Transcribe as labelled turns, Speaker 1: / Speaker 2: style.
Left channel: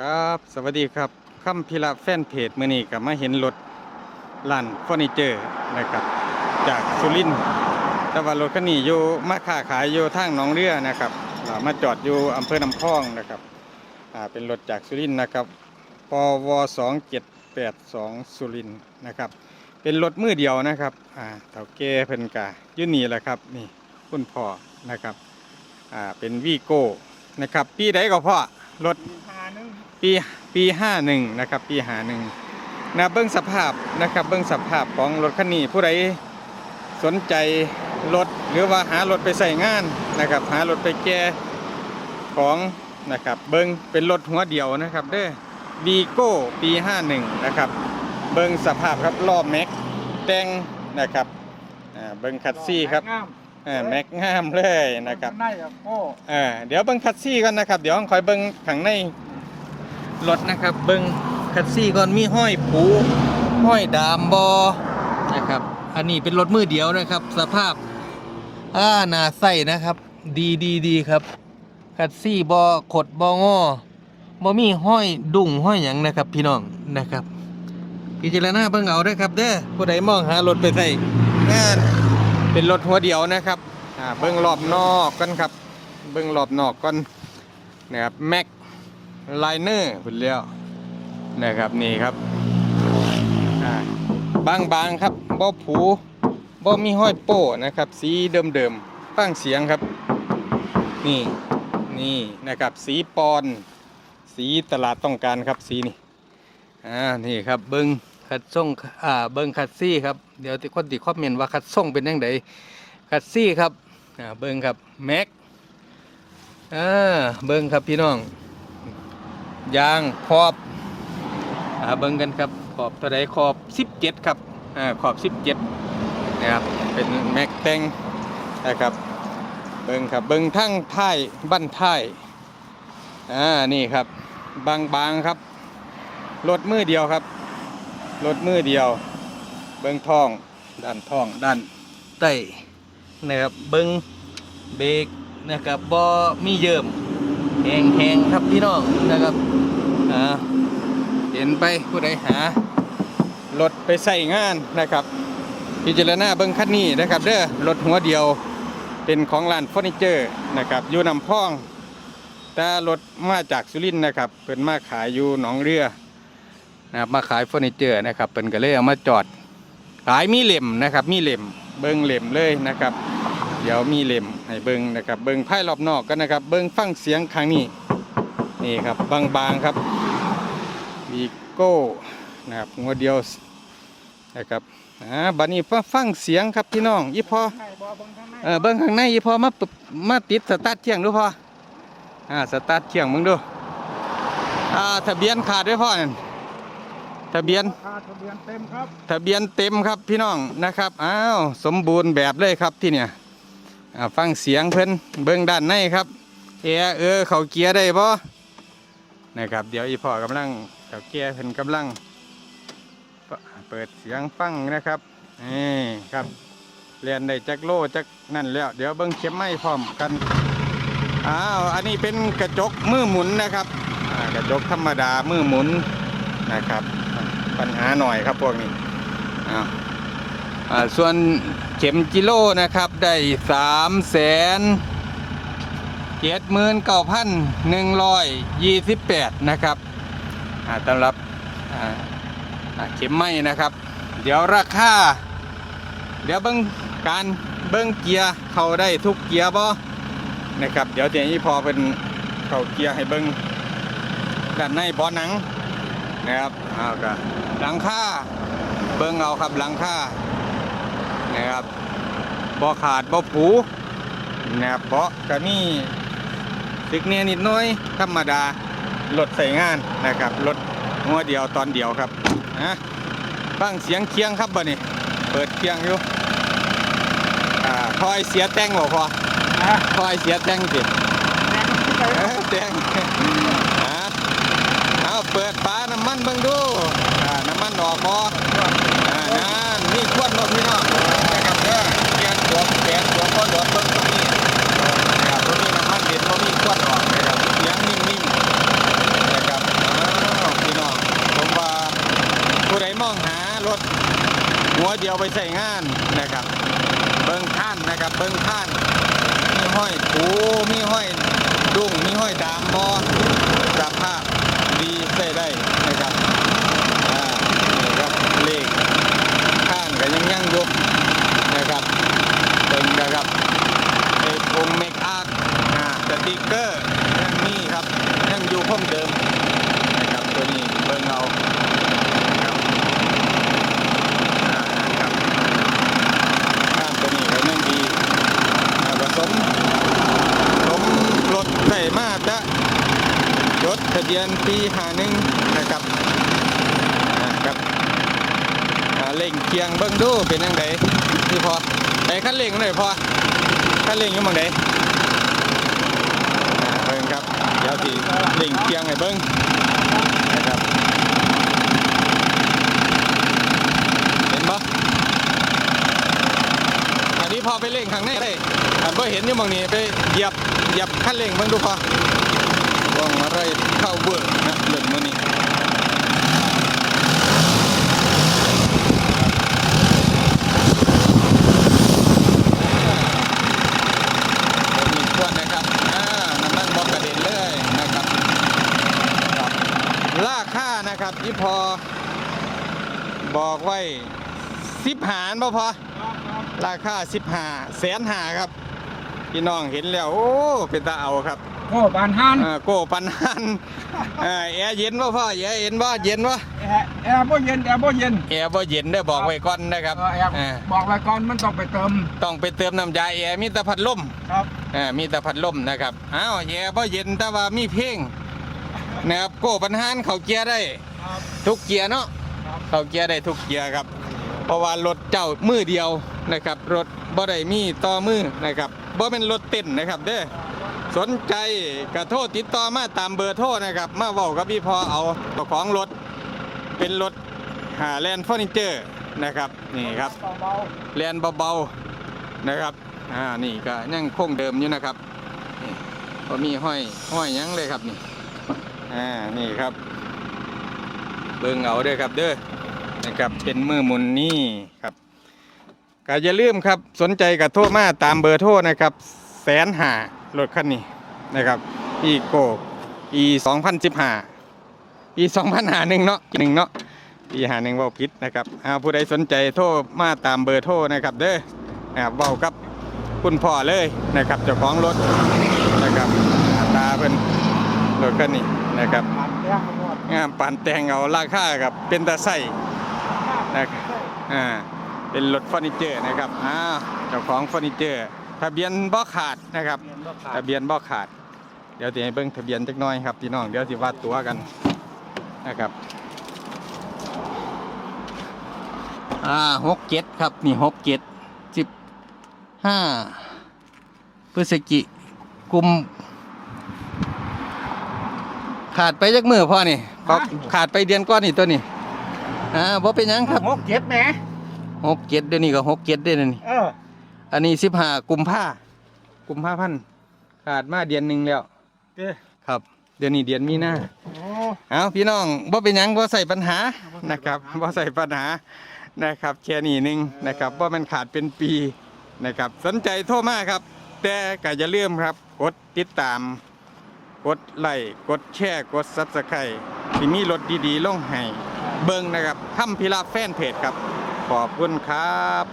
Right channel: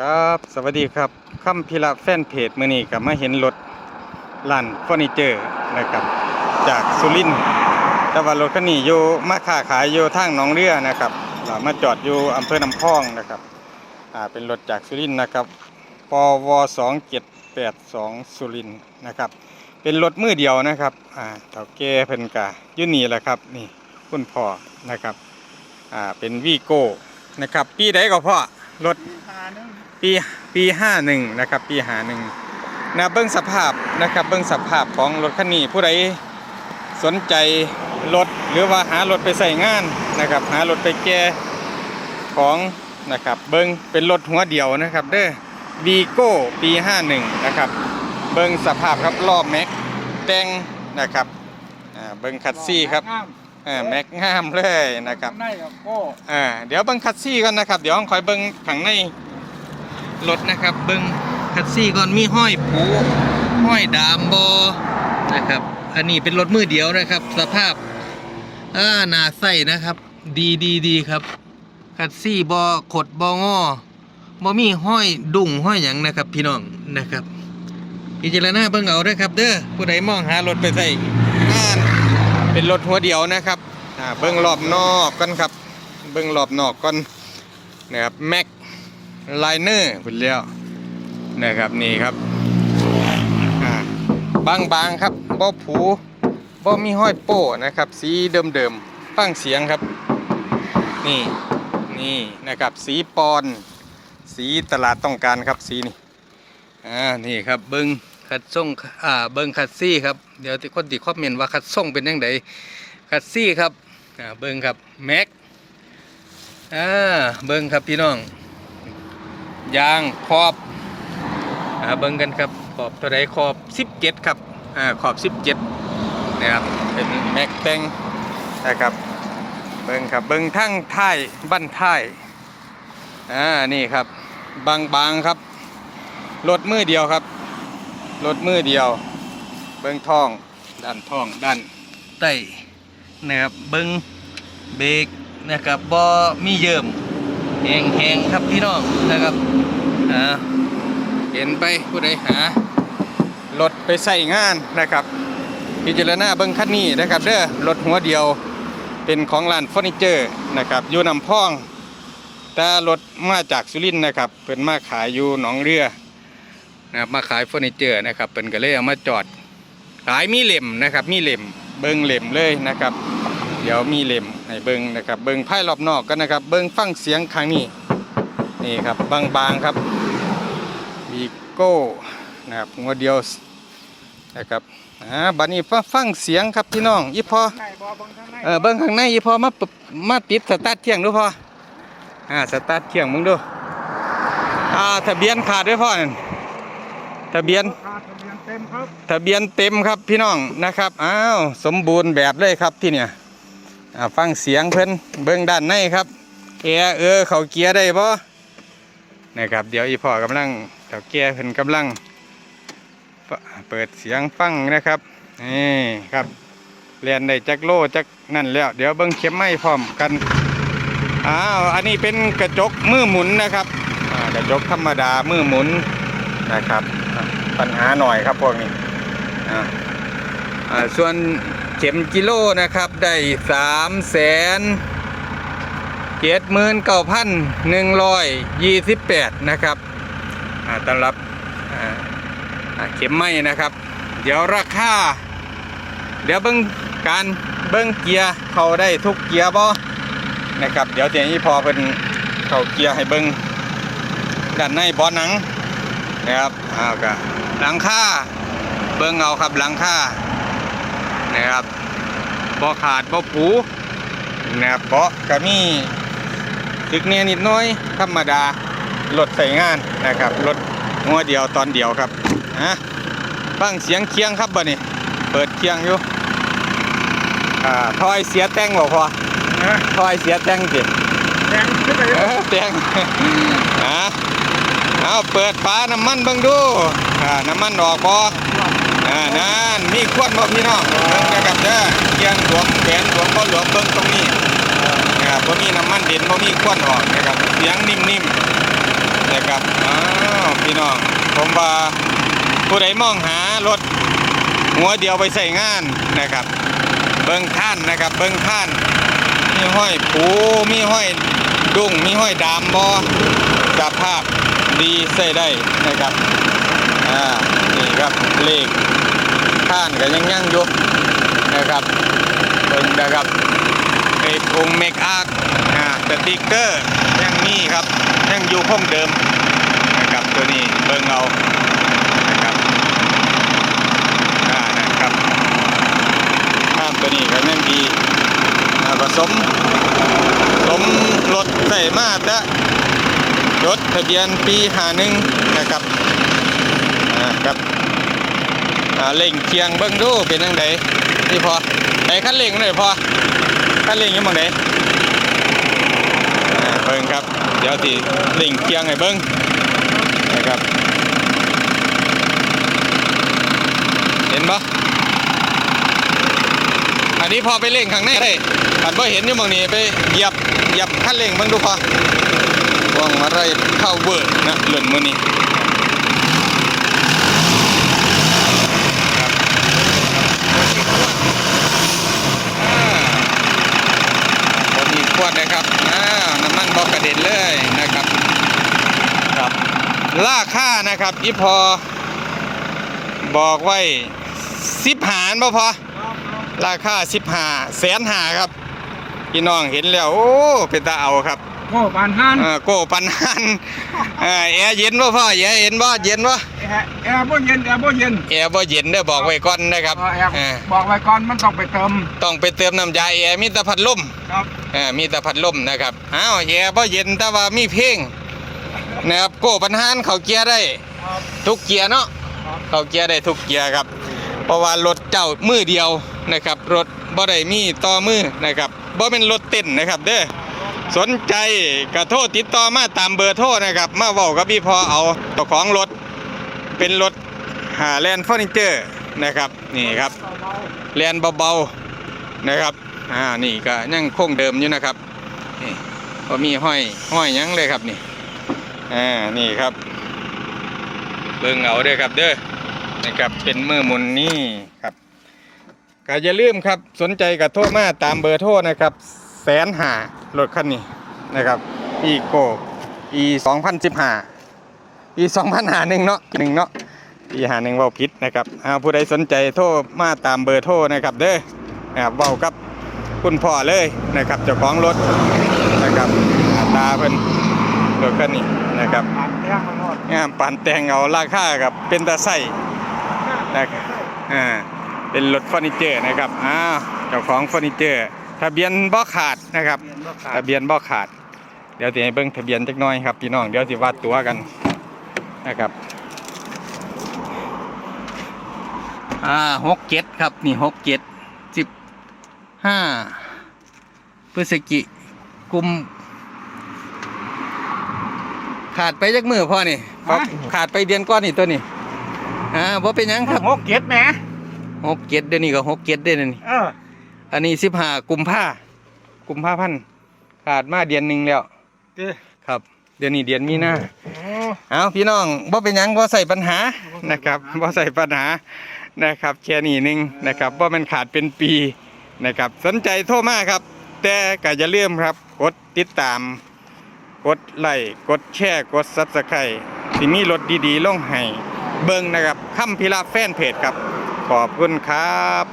Speaker 1: ครับ สวัสดีครับค่ำพิระแฟนเพจมื่อนี้กับมาเห็นรถร้านเฟอร์นิเจอร์นะครับ จากสุรินทร์แต่ว่ารถคันนี้อยู่มาค้าขายอยู่ทางหนองเรือนะครับมาจอดอยู่อำเภอน้ำพองนะครับอ่าเป็นรถจากสุรินทร์นะครับปวสองเจ็ดแปดสองสุรินทร์นะครับ เป็นรถมือเดียวนะครับอ่าเต่าแก่เพิ่นกะอยุ่นี่แหละครับนี่คุณพ่อนะครับอ่าเป็นวีโก้นะครับ ปีใดก็พ่อ รถปีปีห้าหนึ่งนะครับปีหาหนึ่งนะเบิ้งสภาพนะครับเบิ้งสภาพของรถคันนี้ผู้ใดสนใจรถหรือว่าหารถไปใส่งานนะครับหารถไปแก้ของนะครับเบิ้งเป็นรถหัวเดียวนะครับเด้อวีโก้ปีห้าหนึ่งนะครับเบิ้งสภาพครับรอบแม็กแต่งนะครับอ่าเบิ้งคัดซี่ครับ เออแม็กงามเลยนะครับ
Speaker 2: ข้างในกับโอ้
Speaker 1: อ่าเดี๋ยวเบิ้งคัดซี่ก่อนนะครับ เดี๋ยวคอยเบิ้งข้างในรถนะครับ เบิ้งคัดซี่ก่อนมีห้อยผูห้อยดามบอนะครับ อันนี้เป็นรถมือเดียวนะครับ สภาพอ่าหนาใส่นะครับ ดีดีดีครับคัดซี่บอขดบองอบอมีห้อยดุ่งห้อยหยังนะครับ พี่น้องนะครับพิจารณาเบิ้งเอาเด้อครับ เด้อผู้ใดมองหารถไปใส่งาน เป็นรถหัวเดียวนะครับอ่าเบิ้องรอบนอกกันครับ เบิ้องรอบนอกก่อนนะครับแม็กไลเนอร์เป็นแล้วนะครับนี่ครับอ่าบางบางๆครับบ่ผูบ่มีห้อยโป้นะครับ สีเดิมเดิมๆฟังเสียงครับ นี่นี่นะครับสีปอน สีตลาดต้องการครับสีนี่อ่านี่ครับเบิ้ง คัดส่งอ่าเบิ้งคัดซี่ครับเดี๋ยวที่คนติคอมเมนต์ว่าคัดส่งเป็นยังไงคัดซี่ครับอ่าเบิ้งครับแม็กอ่าเบิ้งครับพี่น้องยางขอบอ่าเบิ้งกันครับขอบเท่าไรขอบ17ครับอ่าขอบ17นะครับเป็นแม็กแตงนะครับเบิ้งครับเบิ้งทั้งท้ายบั้นท้ายอ่านี่ครับบางๆครับรถมือเดียวครับ รถมือเดียว เบิ้งท้อง ด้านท้อง ด้านใต้นะครับเบิ้งเบรกนะครับบอมีเยิมแหงแหงครับพี่น้องนะครับอ่าเห็นไปผู้ใดหารถไปใส่งานนะครับ พิจารณาเบิ้งคันนี้นะครับเด้อรถหัวเดียวเป็นของร้านเฟอร์นิเจอร์นะครับอยู่นำพ่อง แต่รถมาจากสุรินทร์นะครับเป็นมาขายอยู่หนองเรือ นะครับมาขายเฟอร์นิเจอร์นะครับเป็นก็เลยเอามาจอดขายมีเหล่มนะครับ มีเหล่มเบิ้งเหล่มเลยนะครับ เดี๋ยวมีเหล่มให้เบิ้งนะครับ เบิ้งไพ่รอบนอกกันนะครับ เบิ้งฟังเสียงทางนี้นี่ครับบางๆครับวีโก้นะครับหัวเดียวนะครับอ่าบัดนี้ฟังฟังเสียงครับพี่น้องอีพอ
Speaker 2: ข้างในบอเบังข้างใน
Speaker 1: เออเบิ้งข้างในอีพอมาปรับมาติดสตาร์ทเครื่องดูพออ่าสตาร์ทเครื่องมึงดูอ่าทะเบียนขาดด้วยพ่อนั่น ทะเบียน
Speaker 2: คาทะเบียนเต็มครับ
Speaker 1: ทะเบียนเต็มครับพี่น้องนะครับ อ้าว สมบูรณ์แบบเลยครับที่เนี่ยอ่าฟังเสียงเพิ่นเบิ้งด้านในครับแอร์เออเขาเกียร์ได้บ่นะครับ เดี๋ยวอีพ่อกำลังเจ้าแก่เพิ่นกำลังเปเปิดเสียงฟังนะครับ นี่ครับเรียนได้จักโลจักนั่นแล้ว เดี๋ยวเบิ้งเข็มไม้พร้อมกันอ้าวอันนี้เป็นกระจกมือหมุนนะครับอ่ากระจกธรรมดามือหมุนนะครับอะ ปัญหาหน่อยครับพวกนี้ส่วนเข็มกิโลนะครับได้สามแสนเจ็ดหมื่นเก้าพันหนึ่งร้อยยี่สิบแปดนะครับสำหรับอ่าเข็มไม้นะครับ เดี๋ยวราคาเดี๋ยวเบิ้งการเบิ้งเกียร์เขาได้ทุกเกียร์บ่นะครับ เดี๋ยวเดี๋ยวนี้พอเป็นเขาเกียร์ให้เบิ้งด้านในบอหนัง นะครับอ้าวก็หลังคาเบิ้งเอาครับหลังค่านะครับบ่ขาดบ่ปูนะครับเบาะก็มีตึกเนี่ยนิดหน้อยธรรมดารถใส่งานนะครับรถหัวเดียวตอนเดียวครับฮะฟังเสียงเคียงครับบ่นี่เปิดเคียงอยู่อ่าทอยเสียแต่งบ่พอ
Speaker 2: นะ
Speaker 1: ทอยเสียแต่งสิ
Speaker 2: แรงขึ้นไป
Speaker 1: เออแต่งฮะ เอาเปิดฝาน้ำมันเบิ่งดูอ่าน้ำมันออกบ่อ่านั่นมีขวดบ่พี่น้องเบิ่งนะครับเด้อเกียนหลวมแขนหลวมก็หลวมเบิ่งตรงนี้นะครับบ่มีน้ำมันเด่นบ่มีขวดออกนะครับเสียงนิ่มๆนะครับอ่าวน้องผมว่าผู้ใดมองหารถหัวเดียวไปใส่งานนะครับ เบิ้งท่านนะครับ เบิ้งท่าน มีห้อยผูมีห้อยดุ้งมีห้อยดามบอสภาพ ดีใส่ได้นะครับอ่านี่ครับเลขท่านก็ยังยังอยู่นะครับเบิ้งนะครับไอ้องเมกอาร์อ่าสติกเกอร์ยังมีครับยังอยู่คงเดิมนะครับตัวนี้เบิ้งเอานะครับอ่านะครับท่านตัวนี้ก็ยังดีอ่าผสมผสมรถใส่มาตะ รถทะเบียนปีหาหนึ่งนะครับอ่าครับอ่าเล่งเคียงเบิ้งดูเป็นยังไงที่พอไอ้ขั้นเล่งเลยพอขั้นเล่งอยังมองไหนเบิ้งครับเดี๋ยวสิเล่งเคียงให้เบิ้งนะครับเห็นปะอันนี้พอไปเล่งข้างในได้อันบ่เห็นอยู่บางนี้ไปเหยียบเหยียบคันเร่งเบิ่งดูพอ ว่องอะไรเข้าเวิร์นะเลื่อนมือนี้อ่าบ่มีขวดนะครับอ่าน้ำมันบอกกระเด็นเลยนะครับครับราคานะครับอีพอบอกไว้สิบหารบ่พอราคา15แสนหาครับพี่น้องเห็นแล้ว โอ้ เป็นตาเอาครับ
Speaker 2: โอ้ปานหัน
Speaker 1: อ่าโก้ปันหันเอ่อแอร์เย็นบ่พ่อแอร์เย็นบ่เย็นบ่
Speaker 2: แอร์แอร์บ่เย็นแอร์บ่เย็น
Speaker 1: แอร์บ่เย็นเด้อบอกไว้ก่อนนะครับ
Speaker 2: เออแอร์
Speaker 1: อ่า
Speaker 2: บอกไว้ก่อนมันต้องไปเติม
Speaker 1: ต้องไปเติมน้ำยาแอร์มีแต่พัดลม
Speaker 2: ครับ
Speaker 1: อ่ามีแต่พัดลมนะครับอ้าวแอร์บ่เย็นแต่ว่ามีเพลงนะครับโก้ปันหันเขาเกียร์ได้
Speaker 2: ครับ
Speaker 1: ทุกเกียร์เนาะ
Speaker 2: ครับ
Speaker 1: เขาเกียร์ได้ทุกเกียร์ครับ เพราะว่ารถเจ้ามือเดียวนะครับ รถบ่ได้มีต่อมือนะครับบ่เป็นรถเต้นนะครับเด้อ สนใจกระโทษติดต่อมาตามเบอร์โทรนะครับ มาเว้ากับพี่พอเอาเจ้าของรถ เป็นรถหาแลนด์เฟอร์นิเจอร์นะครับนี่ครับ
Speaker 2: เบา
Speaker 1: แลนเบาๆนะครับอ่านี่ก็ยังคงเดิมอยู่นะครับนี่บ่มีห้อยห้อยยังเลยครับนี่อ่านี่ครับเบิ่งเอาเด้อครับเด้อนะครับเป็นมือมุนนี่ครับก็อย่าลืมครับสนใจกับโทรมาตามเบอร์โทรนะครับ แสนหารถคันนี้นะครับอีโกอีสองพันสิบห้าอีสองพันหาหนึ่งเนาะหนึ่งเนาะอีหาหนึ่งเบาพิษนะครับเอาผู้ใดสนใจโทรมาตามเบอร์โทรนะครับเด้อนะครับเบากับคุณพ่อเลยนะครับเจ้าของรถนะครับหน้าตาเพิ่นรถคันนี้นะครับ
Speaker 2: ๆปานแต้มมันหมด
Speaker 1: งามปานแต่งเอาราคากับเป็นตาไส้นะครับอ่าเป็นรถเฟอร์นิเจอร์นะครับอ้าวเจ้าของเฟอร์นิเจอร์ ทะเบียนบ่ขาดนะครับ ทะเบียนบ่ขาด เดี๋ยวสิให้เบิ่งทะเบียนจักหน่อยครับพี่น้องเดี๋ยวสิวาดตัวกันนะครับอ่าหกเจ็ดครับนี่หกเจ็ดสิบห้าพฤศจิกุมขาดไปจักมือพ่อนี่ครับขาดไปเดือนก้อนนี่ตัวนี้อ่าบ่เป็นหยังครับ
Speaker 2: หกเจ็ดแหม
Speaker 1: หกเจ็ดเดี๋ยวนี้ก็หกเจ็ดเดือนนี่
Speaker 2: เออ
Speaker 1: อันนี้สิบห้ากุมภากุมภาพันธ์ขาดมาเดือนหนึ่งแล้ว
Speaker 2: เด้อ
Speaker 1: ครับ เดือนนี้เดือนมีนา
Speaker 2: โอ้
Speaker 1: เอาพี่น้องบ่เป็นหยังบ่ใส่ปัญหานะครับบ่ใส่ปัญหานะครับแค่นี้หนึงนะครับบ่แมันขาดเป็นปีนะครับ สนใจโทรมาครับ แต่ก็อย่าลืมครับ กดติดตาม กดไลค์กดแชร์กด Subscribe สิมีรถดีๆลงให้เบิ่งนะครับค่ำพิระแฟนเพจครับ ขอบคุณครับ